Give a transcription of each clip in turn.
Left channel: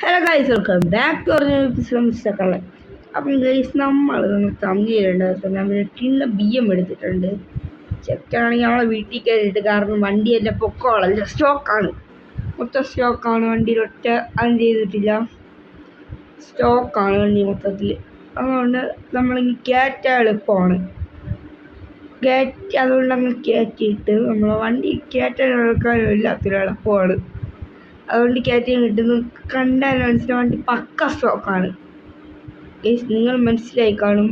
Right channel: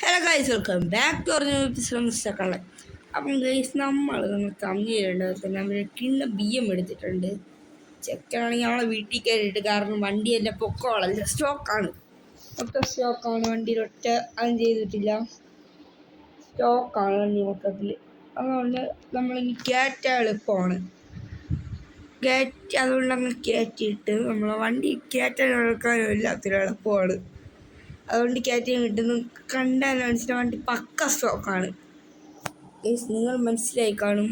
Hello guys, welcome back to mister. അപ്പം guys നമ്മൾ തമ്മിലുണ്ട് നമ്മൾ കിണ്ണ ബിയ്യം എടുത്തിട്ടുണ്ട്. ചെക്കാണെങ്കിൽ അവളെ വീട്ടിൽ കയറിയിട്ട്, കാരണം വണ്ടി എൻ്റെ പൊക്കോളല്ല, സ്റ്റോക്കാണ്, മൊത്തം സ്റ്റോക്കാണ്. വണ്ടിയിൽ ഒറ്റ അതും ചെയ്തിട്ടില്ല, സ്റ്റോക്കാണ് വണ്ടി മൊത്തത്തിൽ. അതുകൊണ്ട് നമ്മളിനി കയറ്റാൻ എളുപ്പമാണ്. അതുകൊണ്ട് നമ്മൾ കയറ്റിയിട്ട് നമ്മളെ വണ്ടി കയറ്റാൻ എടുക്കാനും എല്ലാത്തിനും എളുപ്പമാണ്. അതുകൊണ്ട് കയറ്റാൻ കിട്ടുന്നു. കണ്ടാൽ മനസ്സിലായ വണ്ടി പക്ക സ്റ്റോക്കാണ്. നിങ്ങൾ മനസ്സിലായി കാണും,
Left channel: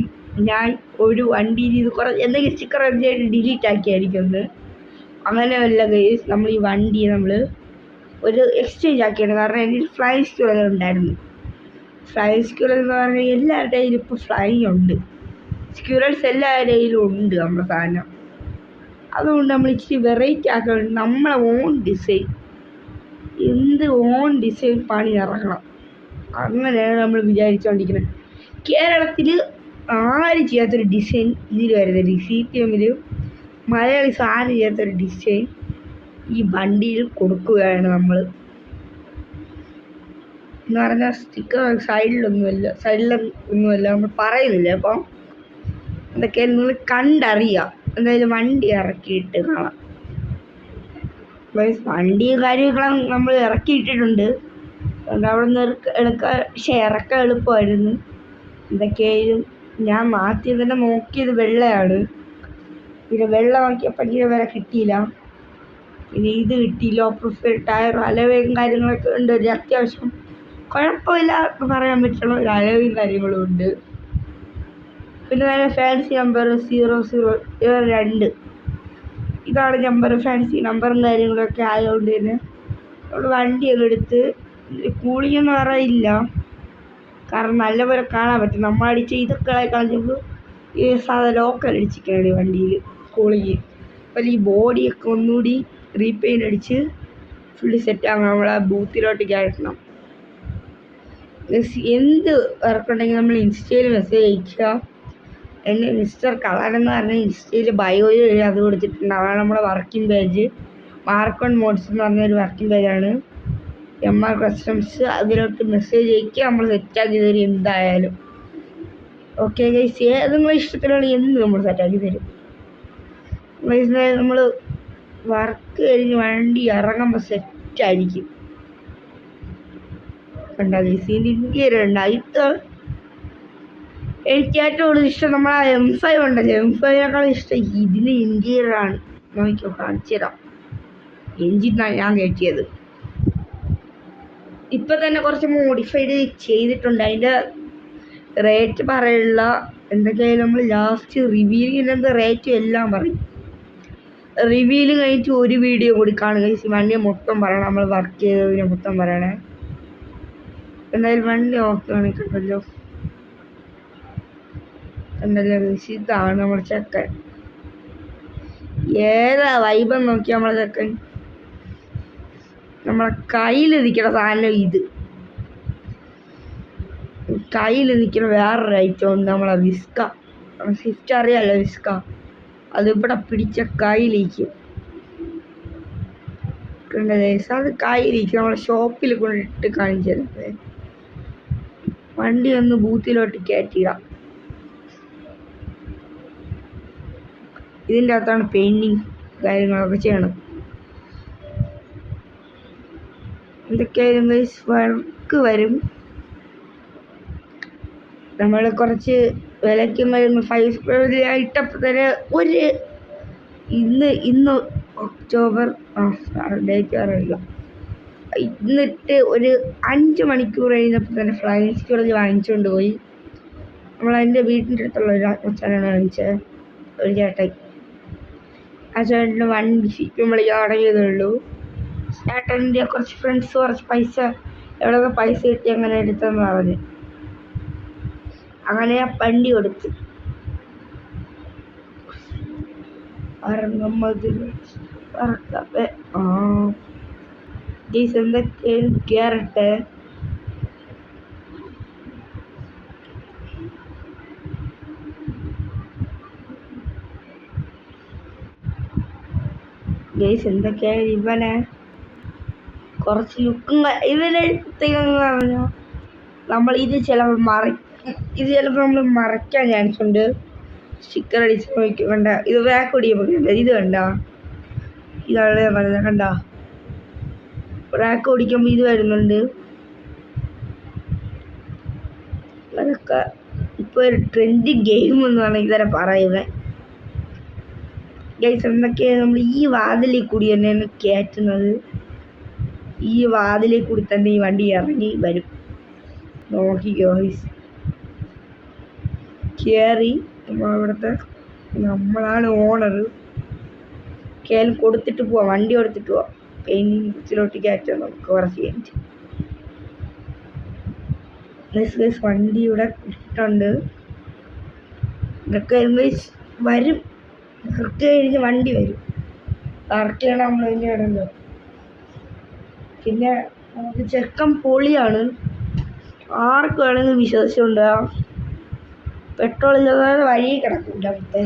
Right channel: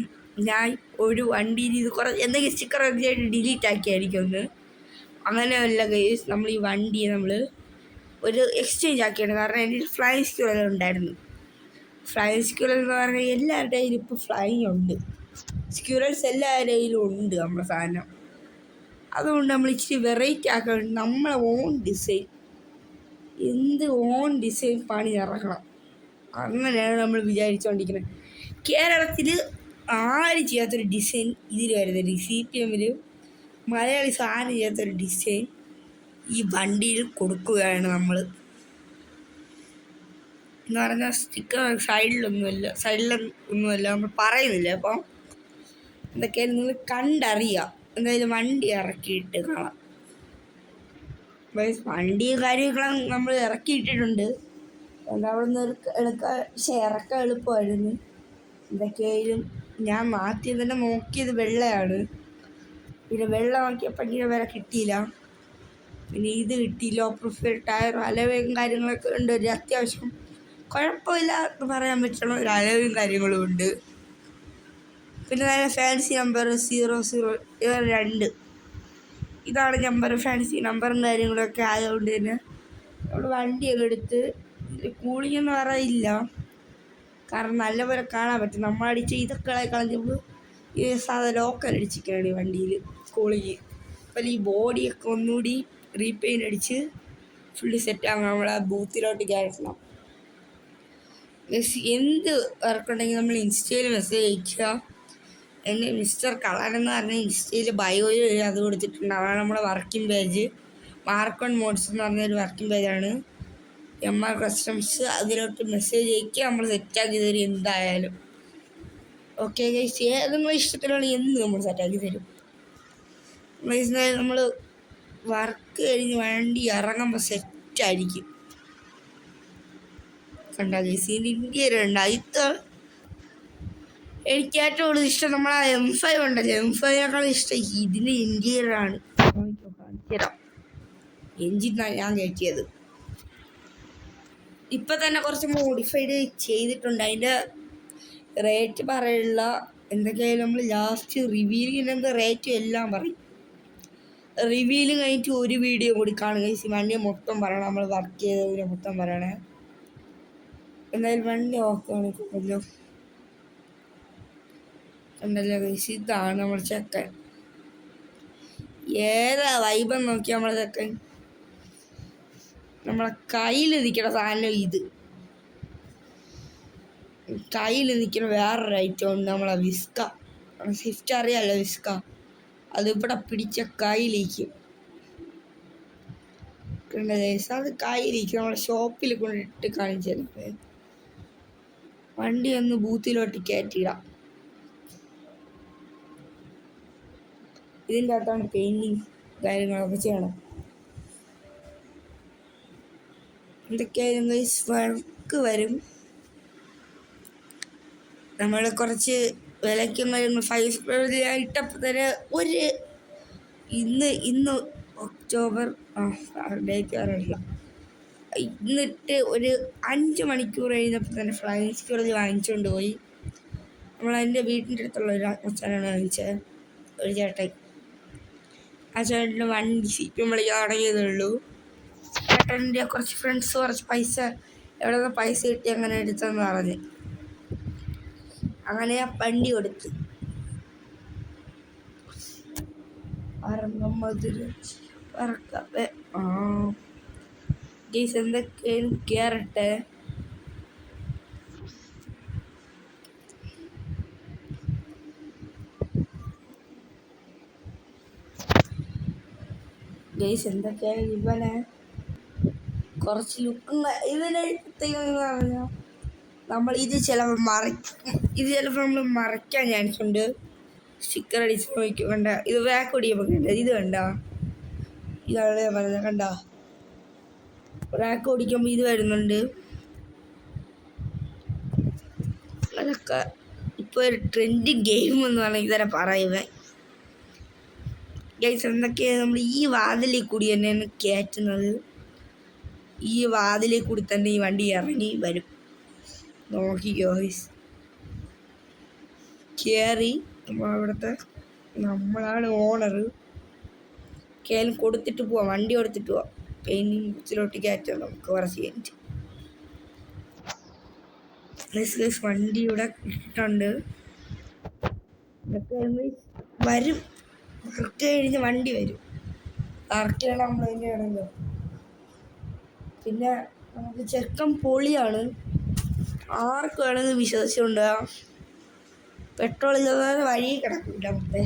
ഞാൻ ഒരു വണ്ടിയിൽ ഇത് കുറേ എന്തെങ്കിലും സ്റ്റിക്കർ ഡിലീറ്റ് ആക്കിയായിരിക്കും ഒന്ന്. അങ്ങനെയല്ല ഗൈസ്, നമ്മൾ ഈ വണ്ടി നമ്മൾ ഒരു എക്സ്ചേഞ്ച് ആക്കിയാണ്. കാരണം എൻ്റെ ഒരു ഫ്ലൈ സ്ക്യൂറൽ ഉണ്ടായിരുന്നു. ഫ്ലൈ സ്ക്യൂറൽ എന്ന് പറഞ്ഞാൽ എല്ലാവരുടെ കയ്യിലും ഇപ്പോൾ ഫ്ലൈ ഉണ്ട്. സ്ക്യൂറൽസ് എല്ലാവരുടെ കയ്യിലും ഉണ്ട് നമ്മുടെ സാധനം. അതുകൊണ്ട് നമ്മൾ ഇച്ചിരി വെറൈറ്റി ആക്കാൻ നമ്മളെ ഓൺ ഡിസൈൻ, എന്ത് ഓൺ ഡിസൈൻ പണി ഇറങ്ങണം. അങ്ങനെയാണ് നമ്മൾ വിചാരിച്ചുകൊണ്ടിരിക്കുന്നത്. കേരളത്തിൽ ആരും ചെയ്യാത്തൊരു ഡിസൈൻ ഇതിൽ വരുന്നുണ്ട്. CPM മലയാളീസ് ആരും ചെയ്യാത്തൊരു ഡിസൈൻ ഈ വണ്ടിയിൽ കൊടുക്കുകയാണ് നമ്മൾ. എന്ന് പറഞ്ഞാൽ സ്റ്റിക്കർ സൈഡിലൊന്നുമല്ല നമ്മൾ പറയുന്നില്ല. അപ്പം എന്തൊക്കെ നിങ്ങൾ കണ്ടറിയാം. എന്തായാലും വണ്ടി ഇറക്കിയിട്ട് കാണാം. വണ്ടി കാര്യങ്ങളും നമ്മൾ ഇറക്കിയിട്ടിട്ടുണ്ട്. അതുകൊണ്ട് അവിടെ നിന്ന് ഇറക്കാൻ എളുപ്പമായിരുന്നു. എന്തൊക്കെയായാലും ഞാൻ മാറ്റി തന്നെ നോക്കിയത് വെള്ളയാണ്. പിന്നെ വെള്ളം നോക്കിയപ്പോൾ ഭയങ്കര വില കിട്ടിയില്ല. പിന്നെ ഇത് കിട്ടിയില്ല. പ്രൊഫൈൽ ടയർ അലവയും കാര്യങ്ങളൊക്കെ ഉണ്ട്. ഒരു അത്യാവശ്യം കുഴപ്പമില്ല എന്ന് പറയാൻ പറ്റുന്ന ഒരു അലവയും കാര്യങ്ങളും ഉണ്ട്. പിന്നെ നല്ല ഫാൻസി നമ്പർ 00 ഇതാണ് നമ്പർ. ഫാൻസി നമ്പറും കാര്യങ്ങളൊക്കെ ആയതുകൊണ്ട് തന്നെ നമ്മൾ വണ്ടിയൊക്കെ എടുത്ത് കൂളിങ്ങൊന്നും അറിയില്ല. കാരണം നല്ലപോലെ കാണാൻ പറ്റും. നമ്മൾ അടിച്ച ഇതൊക്കെ കളഞ്ഞപ്പോൾ ഈ സാധാ ലോക്കൽ അടിച്ചിരിക്കണേ വണ്ടിയിൽ കൂളിങ്. അപ്പോൾ ഈ ബോഡിയൊക്കെ ഒന്നുകൂടി റീപെയിൻ്റ് അടിച്ച് ഫുള്ളി സെറ്റാകണം. നമ്മളെ ബൂത്തിലോട്ട് കയറ്റണം. എന്ത് വർക്കുണ്ടെങ്കിൽ നമ്മൾ ഇൻസ്റ്റയിൽ മെസ്സേജ് അയക്കുക. എൻ്റെ മിസ്റ്റർ കളർ എന്ന് പറഞ്ഞാൽ ഇൻസ്റ്റയിൽ ബയോയിൽ അത് കൊടുത്തിട്ടുണ്ട്. അതാണ് നമ്മുടെ വർക്കിംഗ് പേജ്. മാർക്കോൺ മോഡ്സ് എന്ന് പറഞ്ഞൊരു വർക്കിംഗ് പേജാണ്. MR customs. അതിലോട്ട് മെസ്സേജ് അയക്കുക, നമ്മൾ സെറ്റാക്കി തരും എന്തായാലും. ഓക്കെ ഗൈസ്, നിങ്ങൾ ഇഷ്ടത്തിലാണ് എന്ത് നമ്മൾ സെറ്റാക്കി തരും. നമ്മൾ വർക്ക് കഴിഞ്ഞ് വണ്ടി ഇറങ്ങുമ്പോൾ സെറ്റായിരിക്കും. കണ്ടാ ഗൈസ്, ഇതിൻ്റെ ഇൻറ്റീരിയർ ഉണ്ട്. എനിക്ക് ഏറ്റവും കൂടുതൽ ഇഷ്ടം നമ്മളെ M5 ഉണ്ടല്ലോ, M5നേക്കാളും ഇഷ്ടം ഇതിൻ്റെ ഇൻറ്റീരിയറാണ്. നോക്കിയോ, കാണിച്ചു തരാം. എഞ്ചിനാണ് ഞാൻ കയറ്റിയത്. ഇപ്പം തന്നെ കുറച്ച് മോഡിഫൈഡ് ചെയ്തിട്ടുണ്ട്. അതിൻ്റെ റേറ്റ് പറയുള്ള എന്തൊക്കെയായാലും നമ്മൾ ലാസ്റ്റ് റിവ്യൂവിൻ്റെ റേറ്റും എല്ലാം പറയും. റിവ്യൂവിൽ കഴിഞ്ഞിട്ട് ഒരു വീഡിയോ കൂടി കാണുക. വണ്ടി മൊത്തം പറയണം, നമ്മൾ വർക്ക് ചെയ്തതിനെ മൊത്തം പറയണേ. എന്തായാലും വണ്ടി നോക്കുകയാണെങ്കിൽ കണ്ടല്ലോ ഇതാണ് നമ്മുടെ ചെക്കൻ. ഏതാ വൈബെന്ന് നോക്കി നമ്മളെ ചെക്കൻ. നമ്മളെ കയ്യിൽ നിൽക്കണ സാധനം ഇത്. കയ്യിൽ നിൽക്കുന്ന വേറൊരു ഐറ്റം ഉണ്ട്, നമ്മളെ വിസ്ക. സ്വിഫ്റ്റ് അറിയാമല്ലോ, വിസ്ക. അതിവിടെ പിടിച്ച കയ്യിലിരിക്കും. അത് കയ്യിലിരിക്കും. നമ്മളെ ഷോപ്പിൽ കൊണ്ടിട്ട് കാണിച്ചു തരുന്നത്. വണ്ടി ഒന്ന് ബൂത്തിലോട്ട് കയറ്റിയിടാം. ഇതിൻ്റെ അകത്താണ് പെയിൻറ്റിങ് കാര്യങ്ങളൊക്കെ ചെയ്യണം. എന്തൊക്കെയായാലും വർക്ക് വരും. നമ്മൾ കുറച്ച് വിലയ്ക്കും വരും. 5 സ്ക്വയർ ഇട്ടപ്പോൾ തന്നെ ഇന്ന് ഒക്ടോബർ ഡേറ്റ് അറിയില്ല. ഇന്നിട്ട് ഒരു 5 മണിക്കൂർ കഴിഞ്ഞപ്പോൾ തന്നെ ഫ്ലൈങ് സ്ക്വയർ വാങ്ങിച്ചുകൊണ്ട് പോയി. നമ്മളതിൻ്റെ വീട്ടിൻ്റെ അടുത്തുള്ള ഒരു അച്ഛനാണ് വാങ്ങിച്ചത്, ഒരു ചേട്ടൻ. ആ ചേട്ടൻ്റെ വണ്ടി CPM വിളിക്കാൻ തുടങ്ങിയതേ ഉള്ളൂ. ചേട്ടൻ്റെ കുറച്ച് ഫ്രണ്ട്സ് കുറച്ച് പൈസ എവിടെയൊക്കെ പൈസ കിട്ടി അങ്ങനെ എടുത്തെന്ന് പറഞ്ഞ് അങ്ങനെ ആ വണ്ടി കൊടുത്ത് എന്തൊക്കെയായാലും കയറട്ടെ. എന്തൊക്കെയായാലും ഇവനെ കുറച്ച് ലുക്കും ഇവരെ പ്രത്യേകത പറഞ്ഞാൽ നമ്മൾ ഇത് ചിലപ്പോൾ നമ്മൾ മറയ്ക്കാൻ ചാൻസ് ഉണ്ട്. സ്റ്റിക്കർ അടിച്ച് നോക്കിക്കണ്ട, ഇത് ബാക്ക് ഒടിയുമ്പോൾ ഇത് കണ്ട, ഇതാണ് ഞാൻ പറഞ്ഞത്. കണ്ട റാക്ക് ഓടിക്കുമ്പോൾ ഇത് വരുന്നുണ്ട്. അതൊക്കെ ഇപ്പോൾ ഒരു ട്രെൻഡിങ് ഗെയിം എന്ന് പറഞ്ഞാൽ ഇതന്നെ പറയുന്നത്. ഗൈസ് എന്തൊക്കെയാണ് നമ്മൾ ഈ വാതിലിൽ കൂടി തന്നെയാണ് കയറ്റുന്നത്. ഈ വാതിലിൽ കൂടി തന്നെ ഈ വണ്ടി ഇറങ്ങി വരും. നോക്കിക്കോ ഗൈസ്, കയറി നമ്മളാണ് ഓണർ. കയറി കൊടുത്തിട്ട് പോവാം, വണ്ടി കൊടുത്തിട്ട് പോവാം. പെയിൻറ്റിങ് ബുക്സിലോട്ട് കയറ്റാം നമുക്ക് കുറച്ച് കഴിഞ്ഞിട്ട്. വണ്ടി ഇവിടെ ഇട്ടിട്ടുണ്ട്. ഇതൊക്കെ വരും, കറക്റ്റ് കഴിഞ്ഞ് വണ്ടി വരും. കറക്റ്റാണ് നമ്മൾ ഇതിൻ്റെ ഇടല്ലോ. പിന്നെ നമുക്ക് ചെക്കൻ പൊളിയാണ്, ആർക്ക് വേണമെങ്കിൽ വിശ്വസിച്ചുകൊണ്ടാ. പെട്രോൾ ഇല്ലാതെ വഴി കിടക്കില്ല. മറ്റേ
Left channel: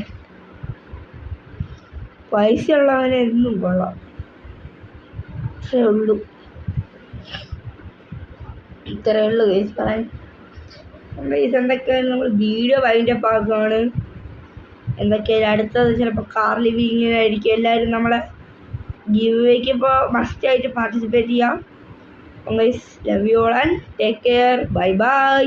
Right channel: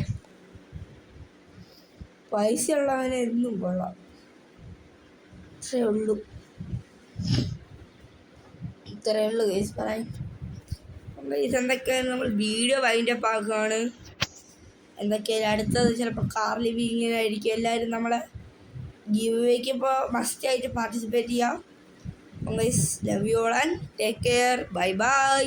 പൈസ ഉള്ളവനെ എന്നും കൊള്ളാം. ഇത്രയേ ഉള്ളൂ കേസ് പറയാൻ. എന്തൊക്കെയാണ് നമ്മൾ വീഡിയോ വൈൻഡപ്പ് ആക്കുകയാണ്. എന്തൊക്കെയായാലും അടുത്തത് ചിലപ്പോൾ കാർ ലിവിങ്ങിനായിരിക്കും. എല്ലാവരും നമ്മളെ ഗിവ് വേക്ക് ഇപ്പോൾ മസ്റ്റായിട്ട് പാർട്ടിസിപ്പേറ്റ് ചെയ്യാം. Guys, love you all and take care. Bye bye.